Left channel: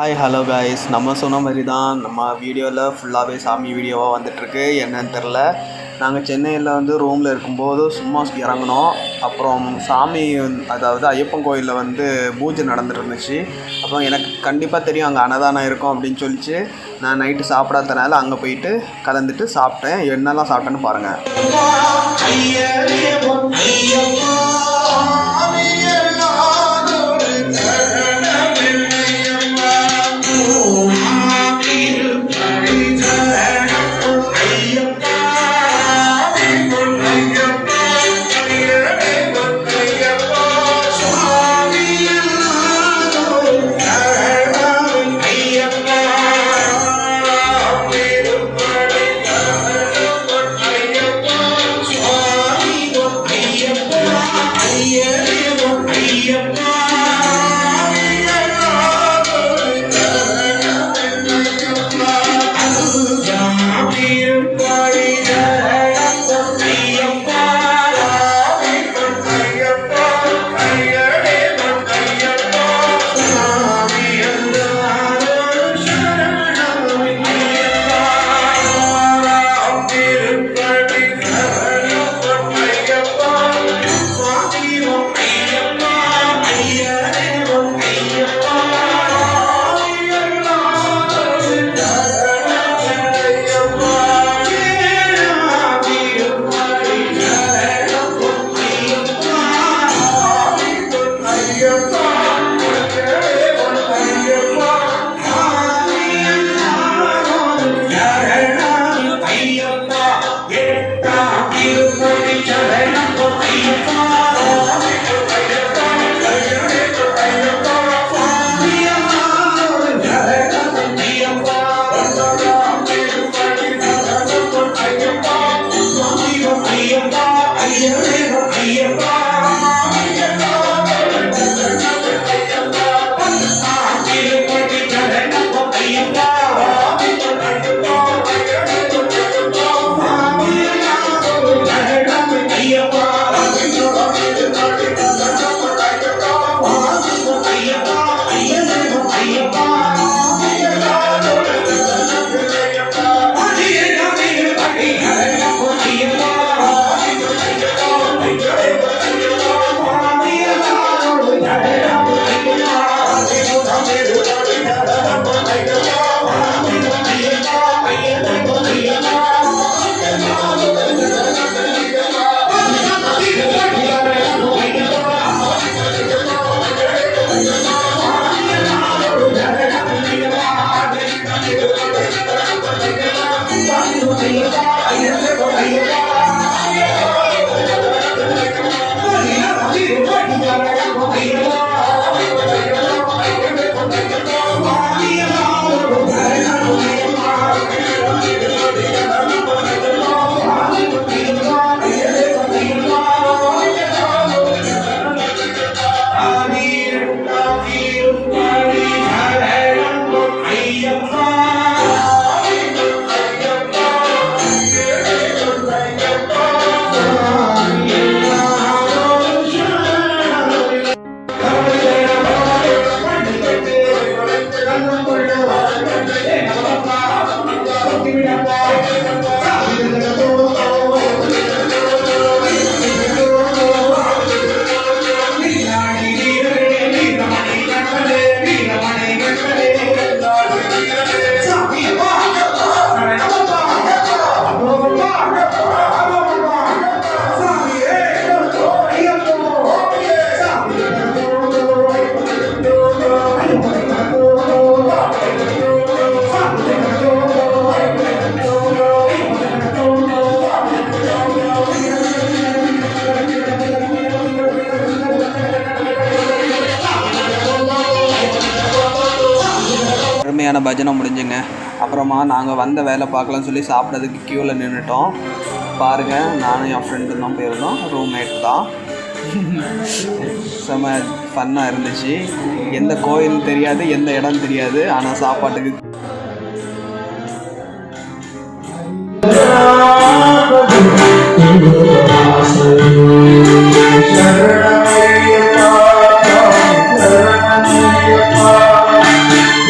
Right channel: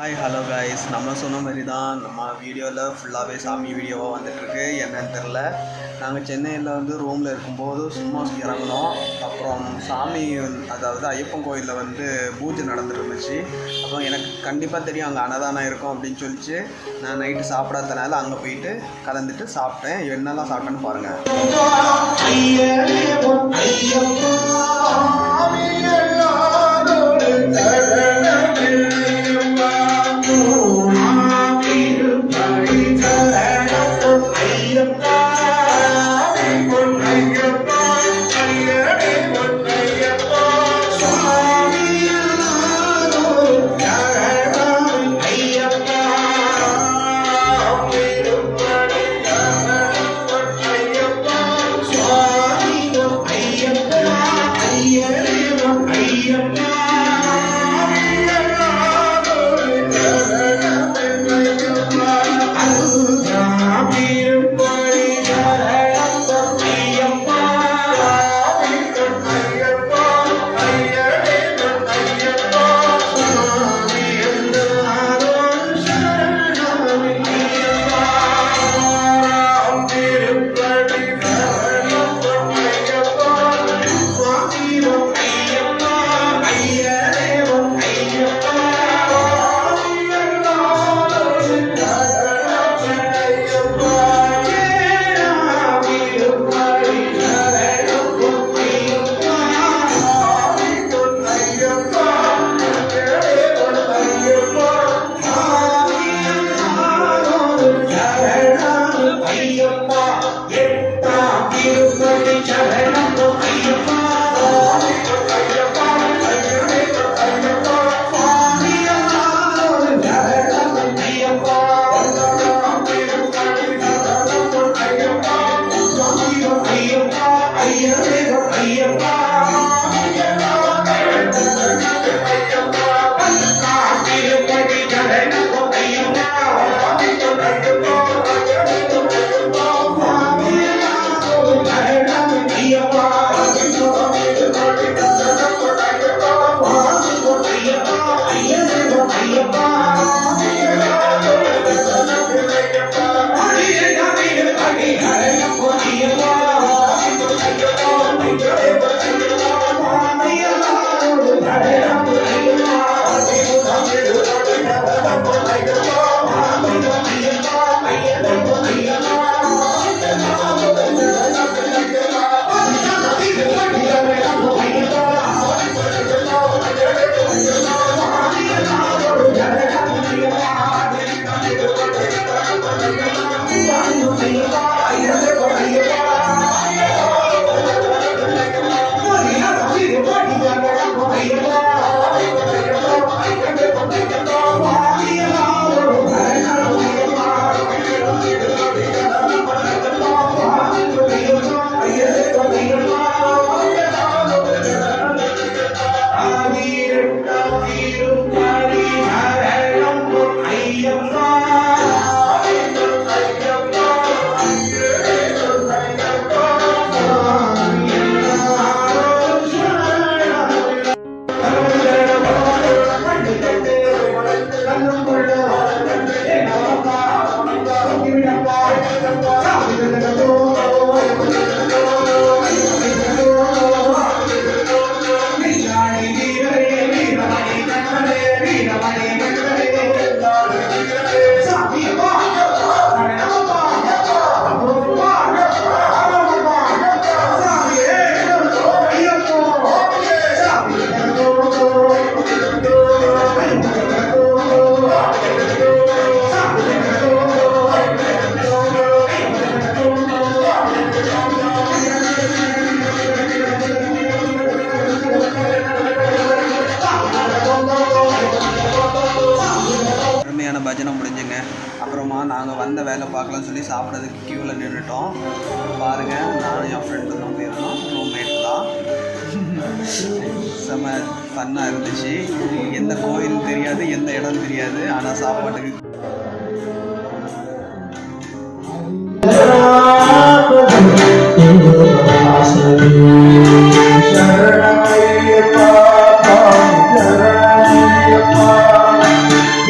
Hi hello guys நம்ம சொன்ன மாதிரி தான் நம்ம வீடியோவில் ஃபுல்லாகவே சாமி வீடியோவாக வந்துட்டுருக்கு. என்னன்னு தெரில நாங்கள் சென்னையில் வந்து ரூமில் இருக்கும்போது சும்மா இறங்கினோம். அப்புறம் சாமி அதாவது ஐயப்பன் கோயிலில் வந்து பூஜை நடந்துருந்துச்சு அப்புறம் எனக்கு கண்டிப்பாக தெரியும் அங்கே அன்னதானம் இருக்கும் அப்படின்னு சொல்லிச்சு. நான் நைட்டு சாப்பிடாதனால அங்கே போயிட்டு கலந்துட்டு சாப்பிட்டேன். என்னெல்லாம் சாப்பிட்டேன்னு பாருங்கள் மத்தியான பஜனை முடிஞ்சுங்க. அப்புறமா நாங்கள் வந்த வேலை பார்க்கலாம்னு சொல்லி சாப்பிட்றதுக்கு க்யூவில் நின்றுட்டோம் பாருங்கள் நானும் என் ஃப்ரெண்டு தான் போயிருந்தோம். ரூம்மேட் தான். செம்ம ஃபன்னாக இருந்துச்சு. எந்த கோயில் தெரியாது எந்த இடம் தெரியாது. ஆனால் சாப்பாட்டுக்கு சரணமையப்பா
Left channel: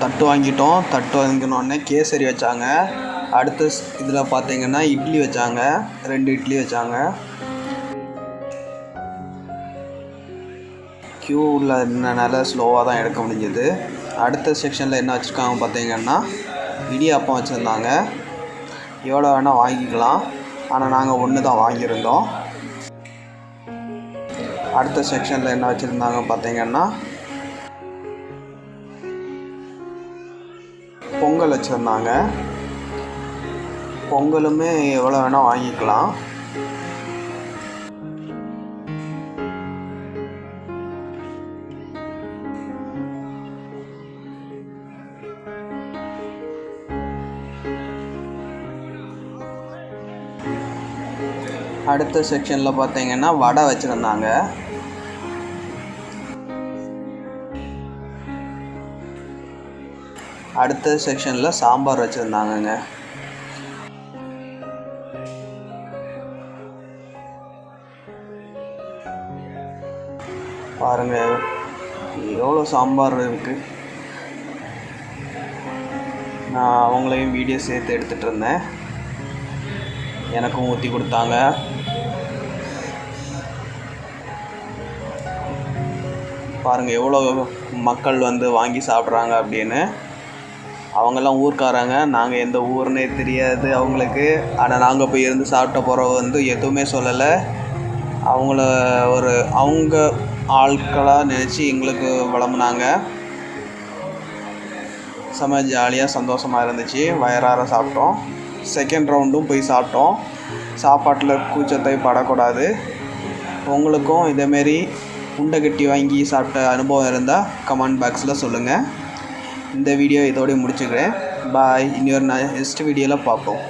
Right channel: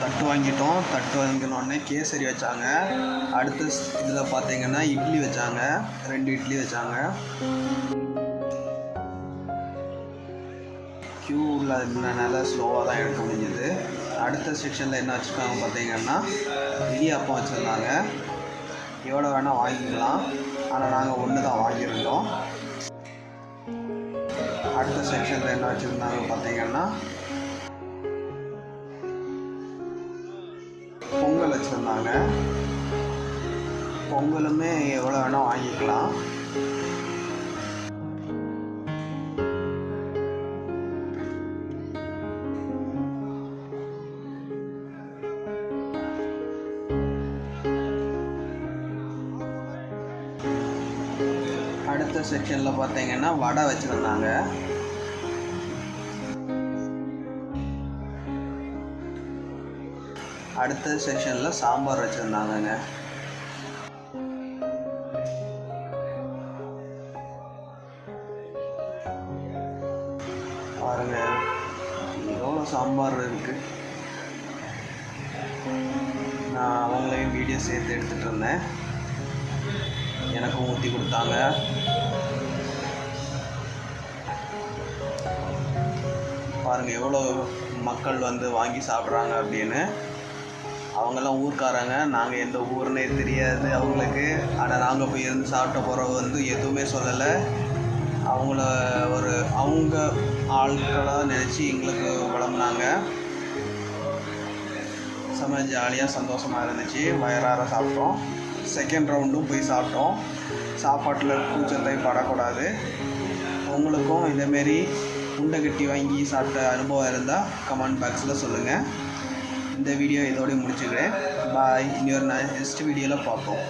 தட்டு வாங்கிட்டோம். தட்டு வாங்கினோடனே கேசரி வச்சாங்க. அடுத்த இதில் பார்த்தீங்கன்னா இட்லி வச்சாங்க. ரெண்டு இட்லி வச்சாங்க. க்யூவில் இருந்தனால ஸ்லோவாக தான் எடுக்க முடிஞ்சது. அடுத்த செக்ஷனில் என்ன வச்சுருக்காங்க பார்த்தீங்கன்னா இடியாப்பம் வச்சுருந்தாங்க. எவ்வளோ வேணால் வாங்கிக்கலாம். ஆனால் நாங்கள் ஒன்று தான் வாங்கியிருந்தோம். அடுத்த செக்ஷனில் என்ன வச்சுருந்தாங்க பார்த்தீங்கன்னா பொங்கல் வச்சுருந்தாங்க. பொங்கலுமே எவ்வளோ வேணால் வாங்கிக்கலாம். அடுத்த செக்ஷனில் பார்த்தீங்கன்னா வடை வச்சுருந்தாங்க. அடுத்த செக்ஷனில் சாம்பார் வச்சுருந்தாங்கங்க. பாருங்க எவ்வளோ சாம்பார் இருக்குது நான் அவங்களையும் வீடியோ சேர்த்து எடுத்துகிட்டு இருந்தேன். எனக்கும் ஊற்றி கொடுத்தாங்க. பாருங்கள் எவ்வளோ மக்கள் வந்து வாங்கி சாப்பிட்றாங்க அப்படின்னு. அவங்கெல்லாம் ஊர்க்காரங்க. நாங்கள் எந்த ஊர்னே தெரியாது அவங்களுக்கு. ஆனால் நாங்கள் போய் இருந்து சாப்பிட்ட போகிறவ வந்து எதுவுமே சொல்லலை. அவங்கள ஒரு அவங்க ஆட்களாக நினச்சி எங்களுக்கு விளம்புனாங்க செம ஜாலியாக சந்தோஷமாக இருந்துச்சு. வயிறார சாப்பிட்டோம். செகண்ட் ரவுண்டும் போய் சாப்பிட்டோம். சாப்பாட்டில் கூச்சத்தை படக்கூடாது. உங்களுக்கும் இதேமாரி உண்டை கட்டி வாங்கி சாப்பிட்ட அனுபவம் இருந்தால் கமெண்ட் பாக்ஸில் சொல்லுங்கள் இந்த வீடியோ இதோடய முடிச்சுக்கிறேன். பாய் இன்னொரு நெக்ஸ்ட் வீடியோவில் பார்ப்போம்.